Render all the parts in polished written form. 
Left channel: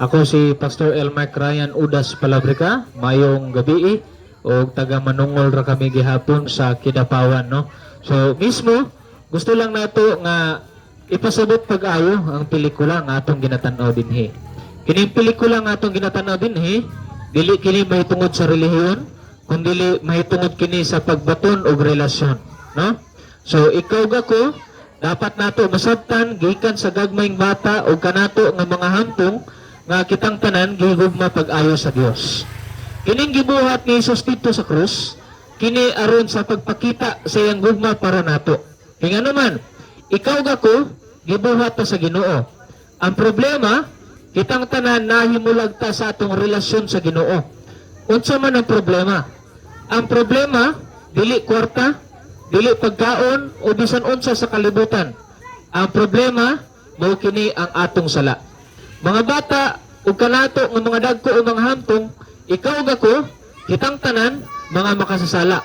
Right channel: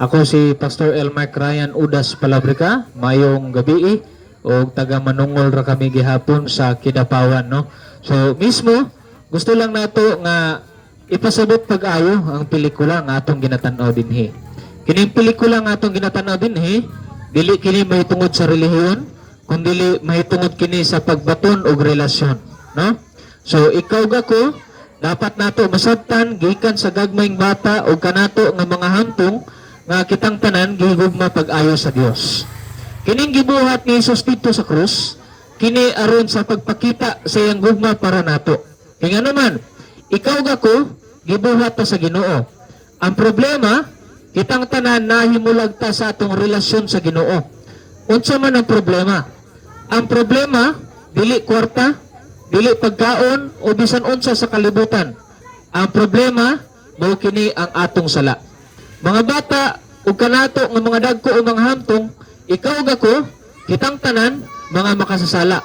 Ako si Pastor Elmar Ryan Udas Palabrica, mayong gabi o taga manungol ra kami gihapon sa Kidapawan, no. So mismo gusto lang nato nga ipasabot pag-ayo ang pelikula nga atong ginatan-aw dinhi. Kining pelikula nga atong ginatan-aw dinhi, dili kini mahitungod sa relihiyon, kundi mahitungod kini sa pagbaton og relasyon, no? So ikaw gako dapat nato masabtan gikan sa gagmayng bata o kanato nga mga hantong nga kitang tanan gihugma pag-ayo sa Dios. Kining gibuhat ni Jesus dito sa krus, kini aron sa pagpakita sa iyang gugma para nato. Kaya naman, ikaw gako gibuhat ta sa Ginoo. Ang problema, kitang tanan nahimulag ta sa atong relasyon sa Ginoo. Unsa man ang problema? Ang problema dili kwarta, dili pagkaon o bisan unsa sa kalibutan. Ang problema mao kini ang atong sala. Mga bata ug kanato nga mga dagko o mga hantong, ikaw gako kitang tanan mga makasasala.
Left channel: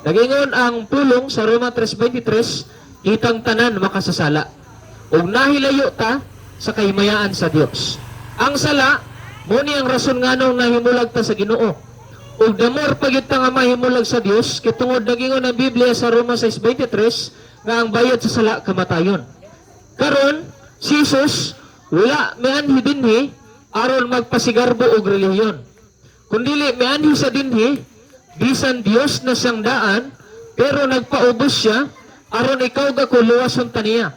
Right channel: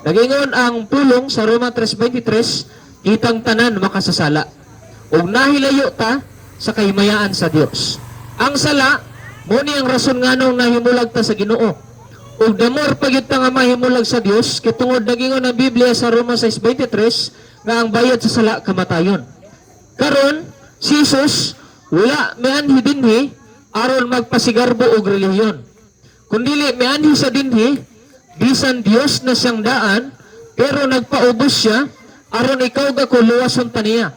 Nagingon ang pulong sa Roma 3:23, kitang tanan makasasala. Ug nahilayo ta sa kahimayaan sa Dios. Ang sala mo ni ang rason nganong nahimulag ta sa Ginoo. Ug damor pagyud ta nga mahimulag sa Dios, kitungod nagingon ang Biblia sa Roma 6:23 nga ang bayad sa sala kamatayon. Karon si Jesus wala mianhi dinhi aron magpasigarbo og relihiyon. Kundili mianhi sa dinhi bisan Dios na siyang daan pero nagpaubos siya aron ikaw gako luwason kaniya.